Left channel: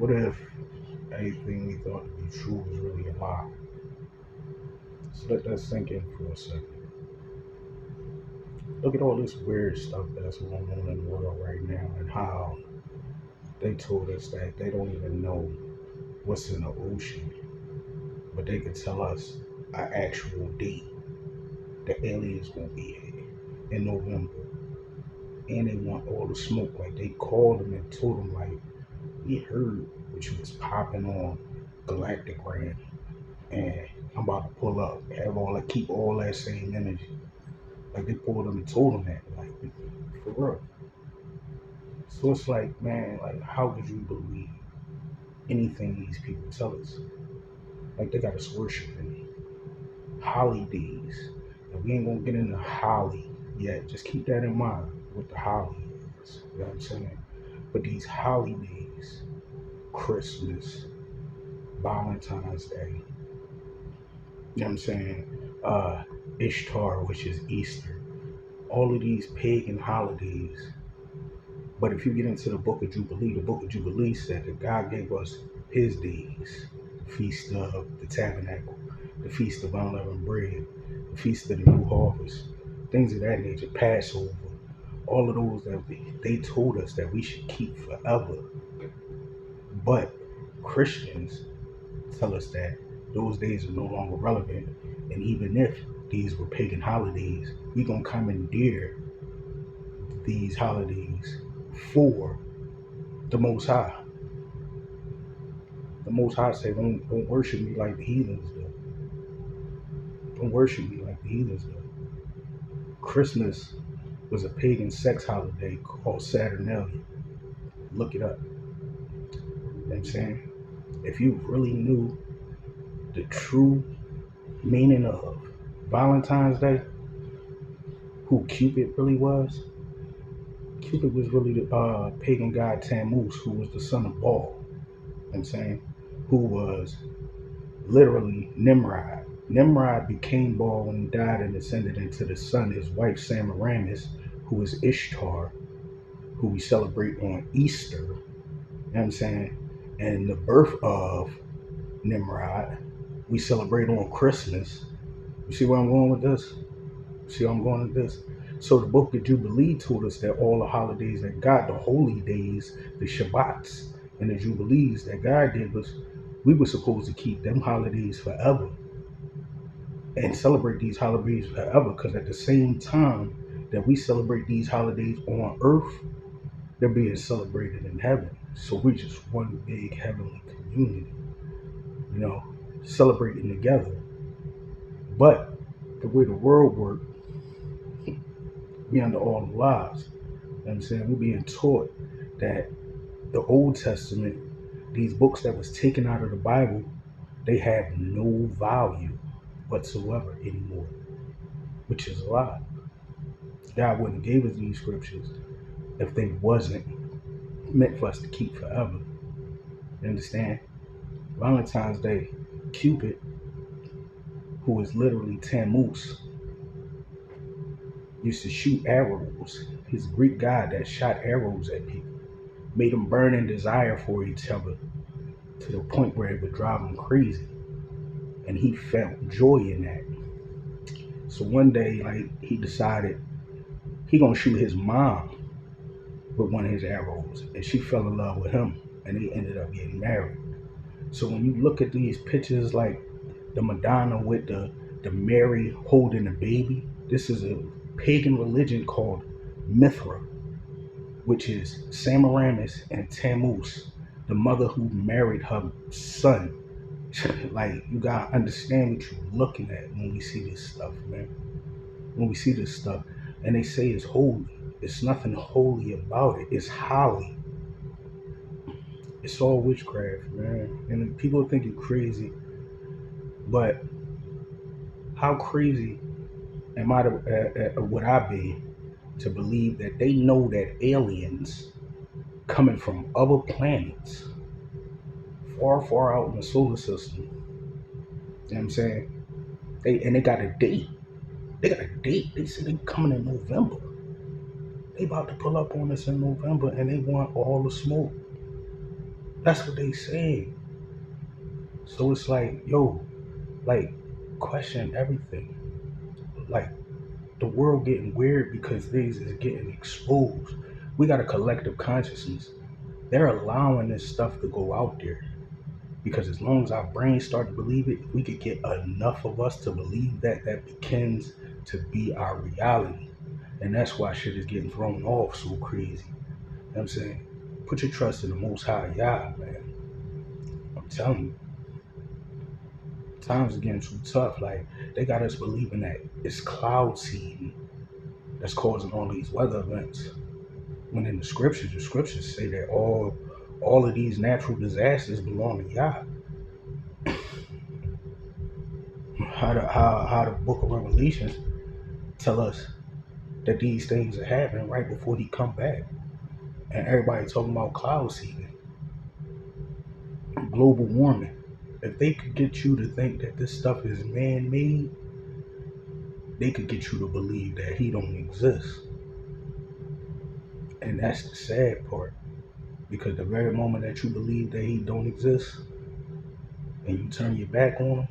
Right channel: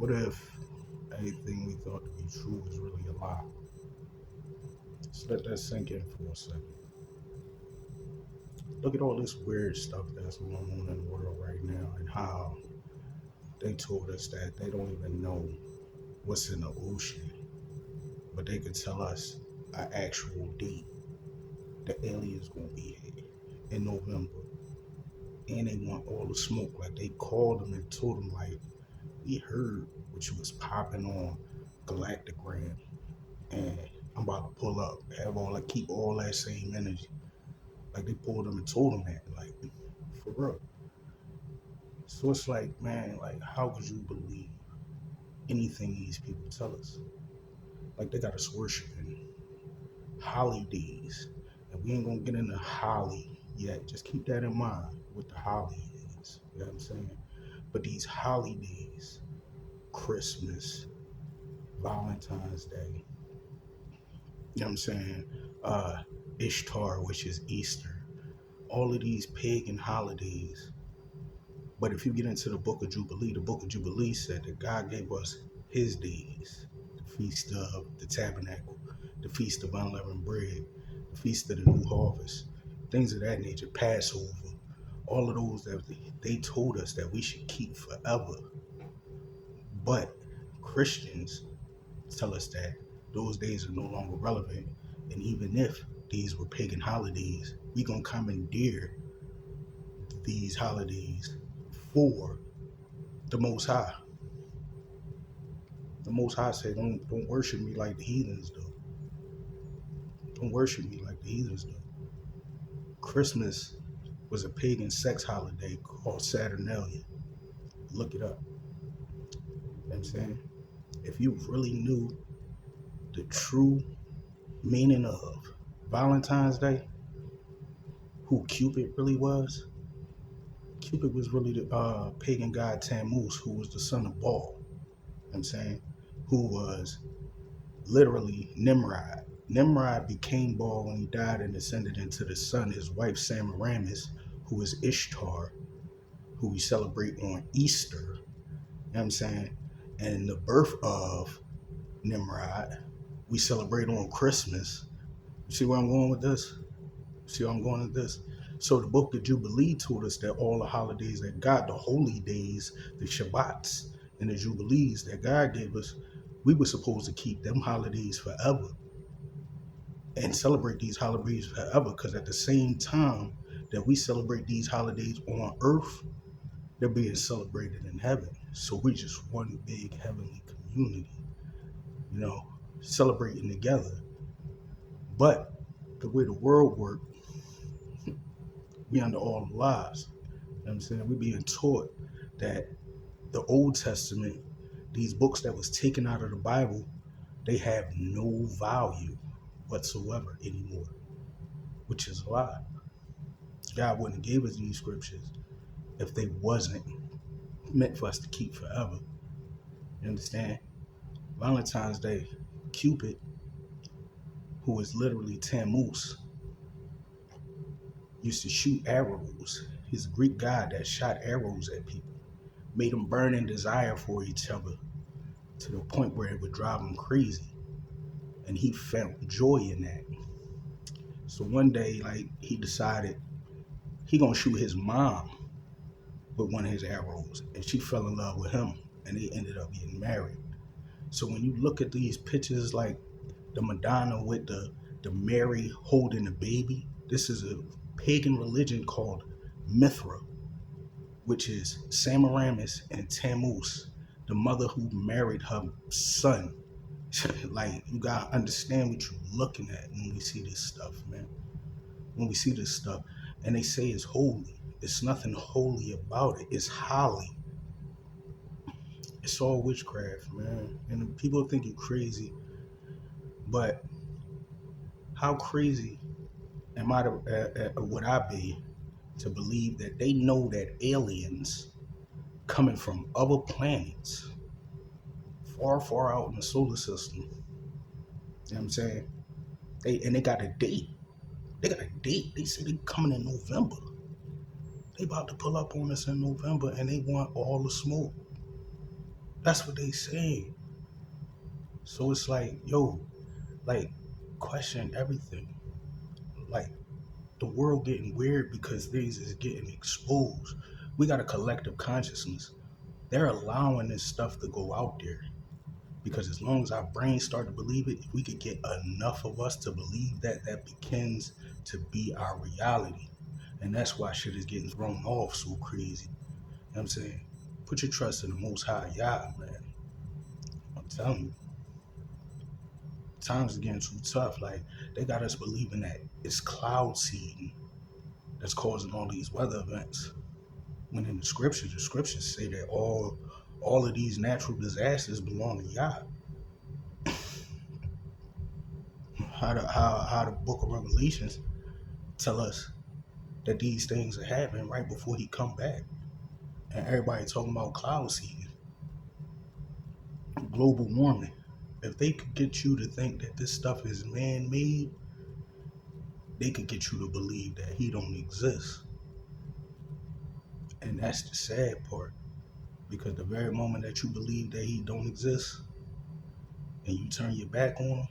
What if anything we thought to be true was really a lie? Just let that sink in for a second. Look at all this weird stuff that's going on in the world right now and how they told us that they don't even know what's in the ocean, but they could tell us an actual date. The aliens gonna be here in November. And they want all the smoke. Like they called them and told them like, we heard what you was popping on Galactigram and I'm about to pull up, have all that, keep all that same energy. Like they pulled them and told them that, like for real. So it's like, man, like how could you believe anything these people tell us? Like they got us worshiping holidays. And we ain't gonna get into Holly yet. Just keep that in mind what the Holly is. You know what I'm saying? But these holidays, Christmas, Valentine's Day, you know what I'm saying? Ishtar, which is Easter, all of these pagan holidays. But if you get into the book of Jubilee said that God gave us his days, the feast of the tabernacle, the feast of unleavened bread, the feast of the new harvest, things of that nature, Passover, all of those that they told us that we should keep forever. But Christians tell us that those days are no longer relevant. And even if these were pagan holidays, we gonna commandeer these holidays for the Most High. The Most High say, don't worship me like the heathens do. Don't worship me like the heathens do. Christmas was a pagan sex holiday called Saturnalia. Look it up. You know what I'm saying? If you really knew the true meaning of Valentine's Day, who Cupid really was, Cupid was really the pagan god Tammuz, who was the son of Baal. You know what I'm saying? Who was literally Nimrod. Nimrod became Baal when he died and ascended into the sun. His wife Semiramis, who is Ishtar, who we celebrate on Easter. You know what I'm saying? And the birth of Nimrod, we celebrate on Christmas. You see where I'm going with this? See where I'm going with this? So the book of Jubilee told us that all the holidays that God, the holy days, the Shabbats, and the Jubilees that God gave us, we were supposed to keep them holidays forever and celebrate these holidays forever, because at the same time that we celebrate these holidays on earth, they're being celebrated in heaven. So we're just one big heavenly community, you know, celebrating together. But the way the world works, we under all the lies. You know what I'm saying? We're being taught that the Old Testament, these books that was taken out of the Bible, they have no value whatsoever anymore, which is a lie. God wouldn't have gave us these scriptures if they wasn't meant for us to keep forever. You understand? Valentine's Day, Cupid, who is literally Tammuz, used to shoot arrows. He's a Greek god that shot arrows at people, made them burn in desire for each other to the point where it would drive him crazy. And he felt joy in that. So one day, like, he decided he gonna shoot his mom with one of his arrows, and she fell in love with him, and they ended up getting married. So when you look at these pictures, like the Madonna with the Mary holding the baby, this is a pagan religion called Mithra, which is Semiramis and Tammuz, the mother who married her son. Like, you gotta understand what you're looking at when we see this stuff, man. When we see this stuff, and they say it's holy, it's nothing holy about it. It's holly. It's all witchcraft, man. And people think you're crazy, but how crazy would I be to believe that they know that aliens coming from other planets far, far out in the solar system, you know what I'm saying? They got a date. They got a date. They said they coming in November. They about to pull up on us in November and they want all the smoke. That's what they saying. So it's like, yo, like, question everything. Like, the world getting weird because things is getting exposed. We got a collective consciousness. They're allowing this stuff to go out there because as long as our brains start to believe it, if we could get enough of us to believe that, that begins to be our reality. And that's why shit is getting thrown off so crazy. You know what I'm saying? Put your trust in the Most High Yah, man. I'm telling you, times are getting too tough. Like, they got us believing that it's cloud seeding that's causing all these weather events. When in the scriptures say that all of these natural disasters belong to Yah. How the book of Revelations tell us that these things are happening right before he come back. And everybody talking about cloud seeding, global warming. If they could get you to think that this stuff is man-made, they could get you to believe that he don't exist. And that's the sad part. Because the very moment that you believe that he don't exist and you turn your back on him,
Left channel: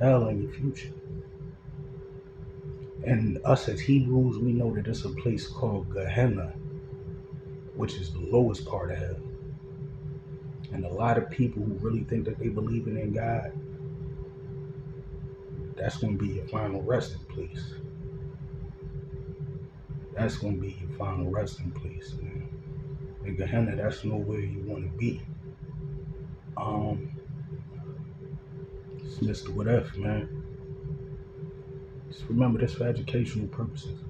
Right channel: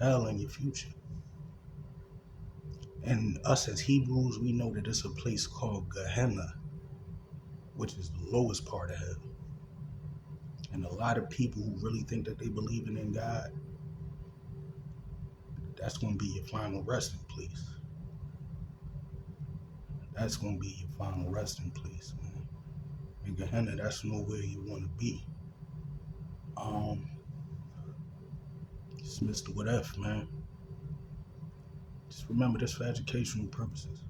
hell in your future. And us as Hebrews, we know that it's a place called Gehenna, which is the lowest part of hell. And a lot of people who really think that they believe in God, that's going to be your final resting place. That's going to be your final resting place, man. In Gehenna, that's nowhere you want to be. It's Mr. What If, man. Just remember this for educational purposes.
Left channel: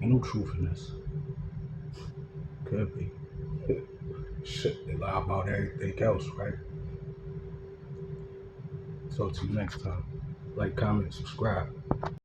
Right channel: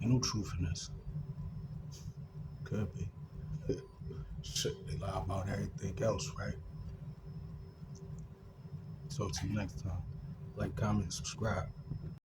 Ain't no truth in this. Could be. Shit, they lie about everything else, right? Talk to you next time. Like, comment, subscribe.